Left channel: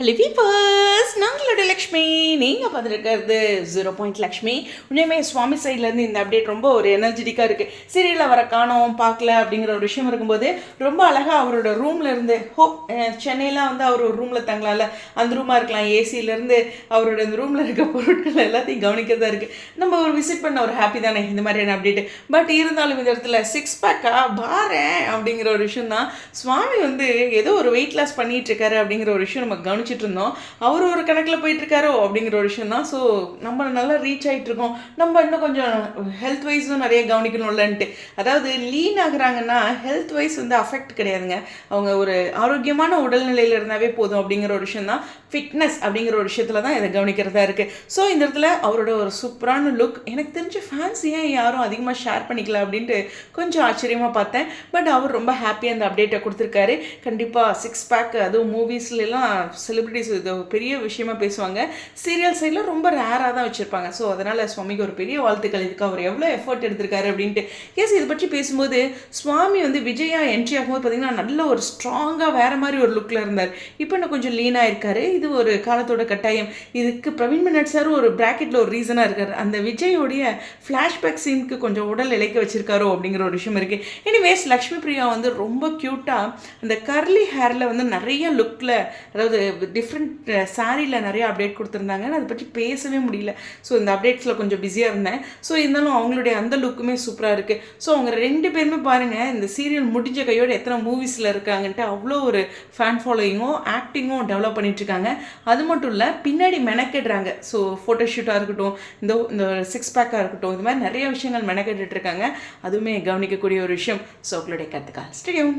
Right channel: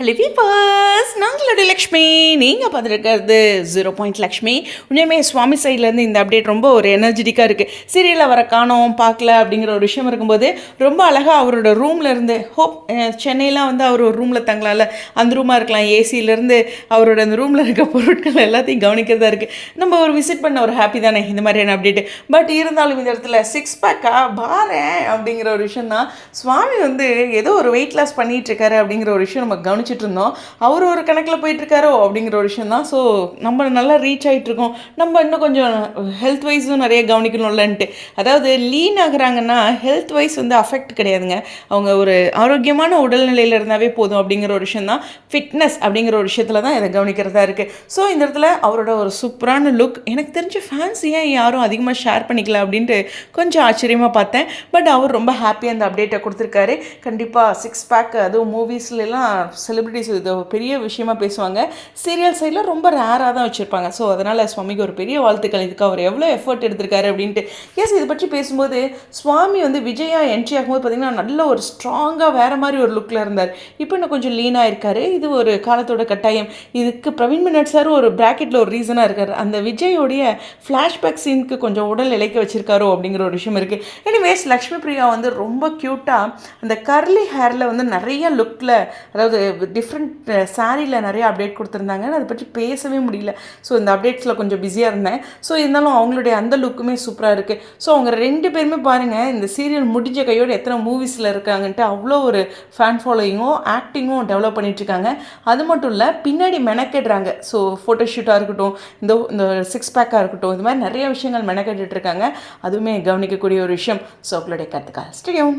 Hello viewers, நாங்களோட Lakshmi. நீங்கள் பார்த்துருக்கிறது 0 லக்ஷ்மி. உண்மையுமே சுவாமி சைட்லேருந்து இந்த அப்டேட் ரொம்ப ஒரு எனர்ஜெட்டிக்காக இருக்குது. சீரியலில் வர காணோம் பார்க்கல அப்படிங்கிற ஒரு விஷயம் இருக்கும்போது ரொம்ப அழகாக அவரோட ரூமில் இருந்து சென்னையெலாம் வந்து அவர் ஒரு ரூமில் தங்கலாம்ல, அந்த ரூமாக இருக்கலாம், ஏசியிலேருந்து அவரோட அந்த ரூமில் இருக்க பொருட்கள் எல்லாத்தையும் கவனிக்கிறதா இருக்குது. நம்ம ஒரு விசிட் பண்ண ஒரு ஹாப்பி தானே இந்த மாதிரியான அப்டேட்டு. பட் இருந்தாலும் இந்த இடத்துல 6 பேக்கா பாரேன் அப்படிங்கிற ஒரு விஷயம் தான். சுவாமி வந்து ஏதோ ஒரு வெயிட் லாஸ் பண்ணிகிட்ருக்காரு அப்படிங்கிற ஒரு விஷயம் நம்ம கவனிச்சிட்டு இருந்தோம். அவர் ஒரு கணக்கில் போயிட்டுருக்காரோ அப்படிங்கிற ஒரு விஷயம் தான். ஸோ நம்ம நல்லா ரீச் ஆகிட்ருக்கோம். நம்ம இன்னும் கொஞ்சம் ஹெல்த் வைஸும் நிறைய கவனிக்கணும்லன்ட்டு. அதாவது லீன் ஆகுறாங்கன்னா ஹெல்த் வைஸ் வந்து அஃபெக்ட் கிடையாதுங்க. அவங்க ஒரு ஆரோக்கியமான உடல்நிலையில் இருந்தாவே போதும் அப்படிங்கிற ஒரு விஷயம் தான். ஃபிட்னஸ் அப்படிங்கிற ஒரு விஷயத்தில் தான் இதை கவனிக்கிறதா இருக்குது. ஸோ இந்த இடத்துல அவரோட ஒரு சூப்பரான லுக் எனக்கு தெரிஞ்ச ஃபேன்ஸ் ஏன் யாரும் அதிகமாக ஷேர் பண்ணிக்கல அப்படின்ட்டு கொஞ்சம் ஆச்சரியமாக பார்த்தேன். பட் அவர் ரொம்ப ஹாப்பியாக அந்த அப்டேட்டை கொடுத்துருக்காரு. கண்டிப்பாக 6 பேக் அதுவும் மூவிஸ்லாம் செலிபிரிட்டிஸ் இது பெரிய விஷயமா பேசுவாங்க. சீரியல் சைடில் ரொம்ப ரேராக தான் வச்சுருப்பாங்க. ஸோ அதனால் சுவாமிக்கு ஒரு பெரிய வாழ்த்துக்கள். இதுக்கு அவர் எவ்வளோ எஃபர்ட் எடுத்திருக்காரு அப்படின்ட்டு. எஸ், இதை பற்றி பேசும்போது சுவாமி வந்து விஜயா என்ட்ரி ஆகும்போது பார்த்திங்கன்னா நல்ல ஒரு ஸ்ட்ராங்காக வேறு மாதிரி ஒரு லுக்கில் இருந்தார். இப்போ இன்னும் கொஞ்சம் லீனாக இருக்கார். இது ஒரு காலத்தோட கட்டாயம். இதுக்கு பிரவீன் மின்னட் சார் ஒரு ப்ராக்கெட்டில் ஒரு ரீசனாக இருக்கார். அந்த விஜயோடைய ஃப்ளாஷ்பேக் சீனுக்கு கொஞ்சம் உடல் இழைக்க வச்சுருக்காரோ அப்படிங்கிற ஒரு விஷயம் இருக்குது. எனிவேஸ், லக்ஷ்மி பிரியா வந்து ரொம்ப க்யூட்டாக அந்த கர்லி ஹேரில் வந்து நிறைய லுக்கில், அதாவது டிஃப்ரெண்ட் சாரியில் நிறைய அப்டேட் கொடுத்துருந்தாங்க. அதை பற்றி பேசவே முடியல. ஸோ இந்த அப்டேட்ஸில் கொஞ்சம் பிஸியாக இருந்தேன். ஸோ இருந்தாலும் அவங்களுடைய அந்த லுக்குமே சூப்பராக இருக்குது. ஸோ அவங்க 2 பேருமே பாருங்கள், இந்த சீரியல் முடிஞ்ச கையோடு எத்தனை மூவிஸில் இருக்காங்கன்ட்டு அவ்வளோ ஒரு ஃபேன் ஃபாலோயிங்கும் ஆக்டிங்கும் டெவலப் பண்ணிகிட்ருக்காங்க. அது மட்டும் இல்லை, பின்னாடி மெனக்கெடுறாங்க. ஸோ ஃபோட்டோஷூட்டாக இருக்கட்டும், இந்த 6 பேக்காக இருக்கட்டும், இது மாதிரி நிறைய விஷயங்கள் மெனக்கெட்டுட்ருக்காங்க. அதுவுமே கவனிக்கக்கூடிய ஒரு விஷயம். ஸோ அவங்களுடைய கருத்துக்கள் ஸ்டேடியம்.